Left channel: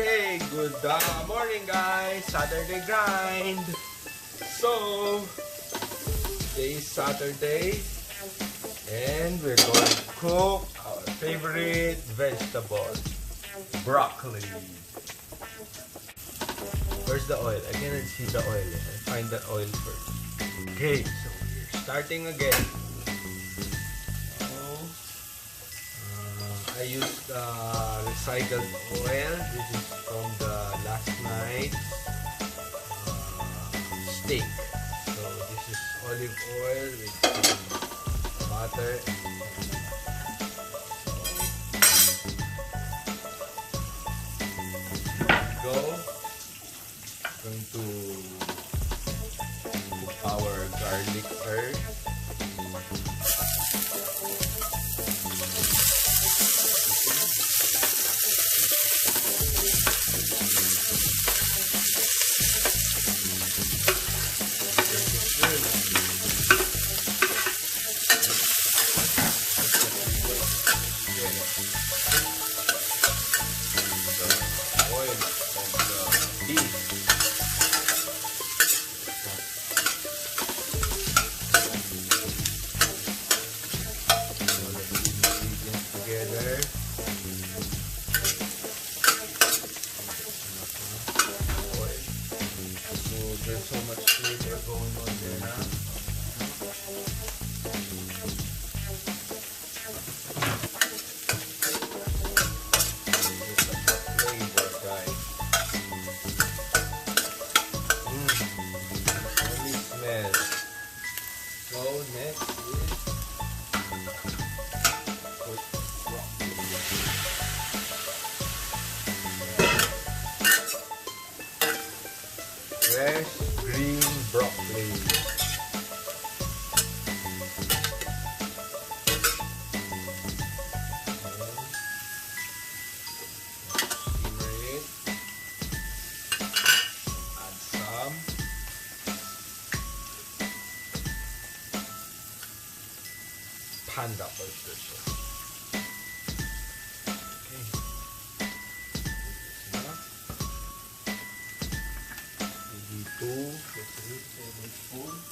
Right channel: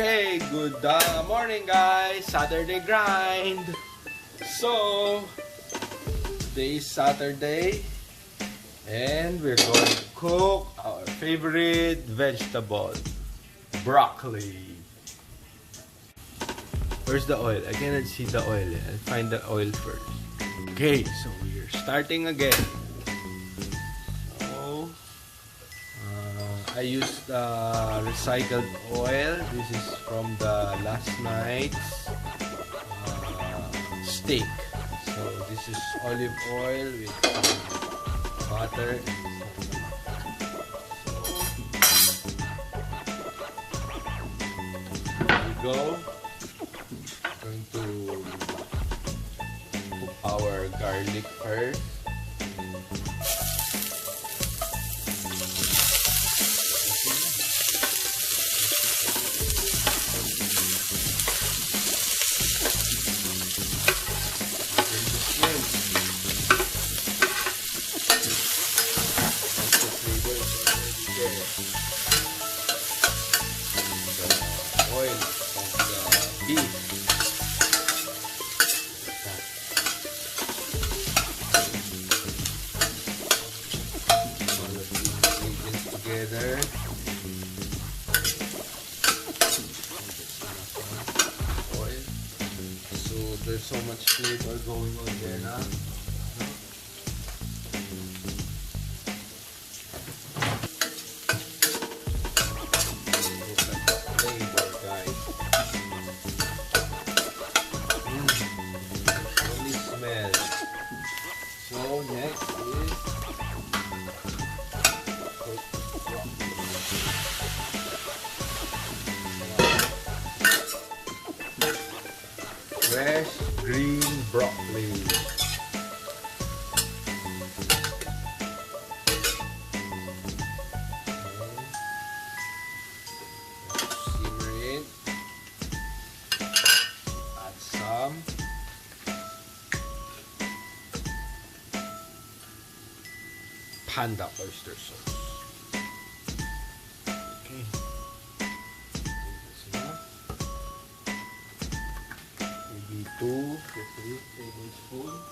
Okay, good morning guys, Saturday grind. So, today is Saturday and we're going to cook our favorite vegetable, broccoli. Where's the oil? I cannot see the oil. I'll find the oil first. Okay, so we're starting again. I used recycled oil. This is from the last night's steak. So this is olive oil with butter. So here we go. Going to cook our garlic first. There's so much flavor going on there now. Really smell. So next is fresh green broccoli. Simmer it. Add some. Panda oyster sauce. Okay. Maybe 2 to 3 tablespoons.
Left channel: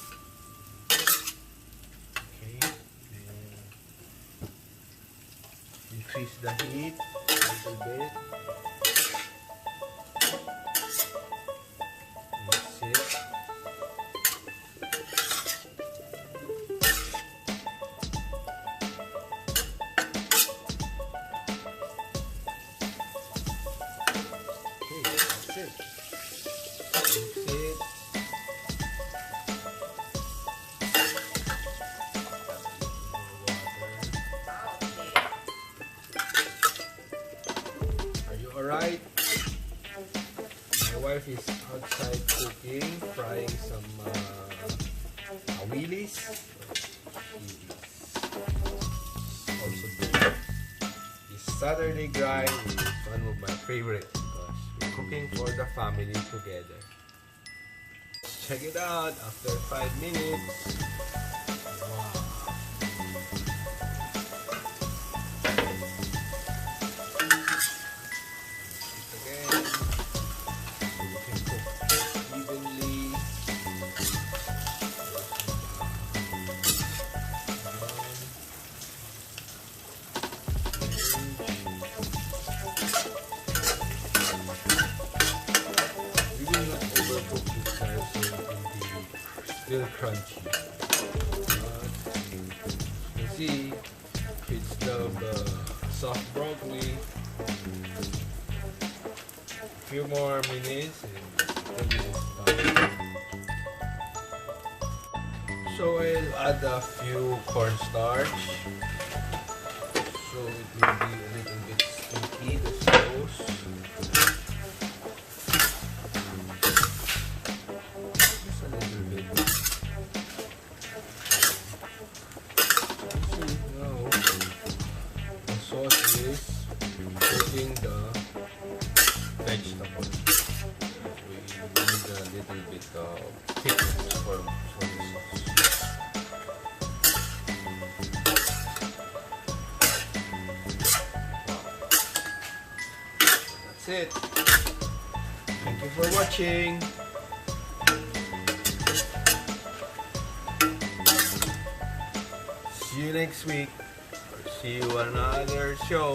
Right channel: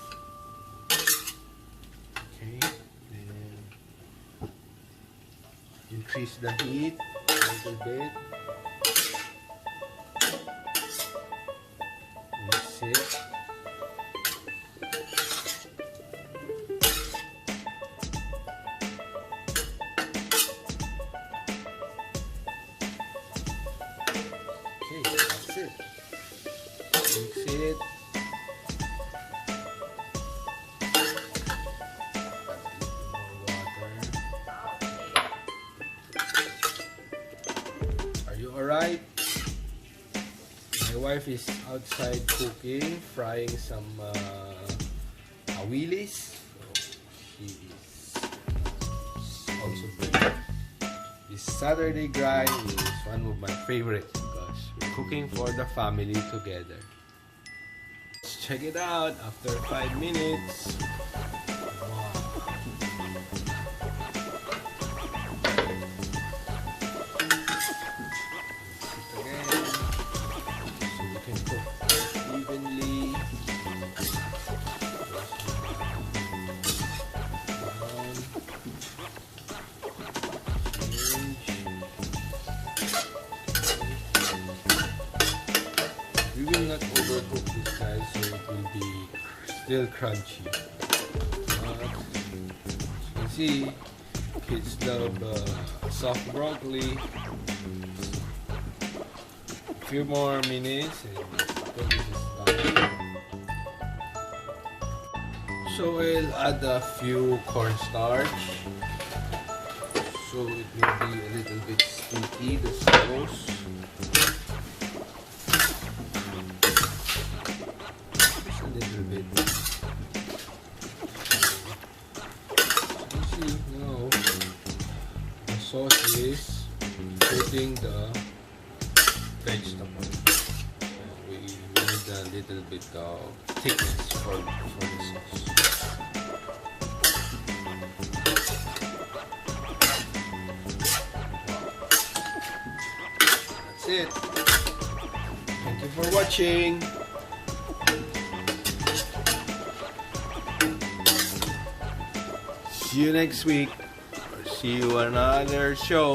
Okay. And increase the heat a little bit. Mix it. Okay, that's it. Mix it. Are you alright? My wife is outside cooking, frying some willies. She is also doing this Saturday grind is one of my favorites because we're cooking for the family together. Let's check it out after 5 minutes. We will not overcook this guys, so it will be still crunchy. You can see kids love soft broccoli. A few more minutes and this is done. So I'll add a few cornstarch. So it will be a little bit sticky, the sauce. Just a little bit. You see, now the sauce is coating the vegetable. We need a little bit of thickness for the sauce. it. Thank you for watching. See you next week. Or see you on another show.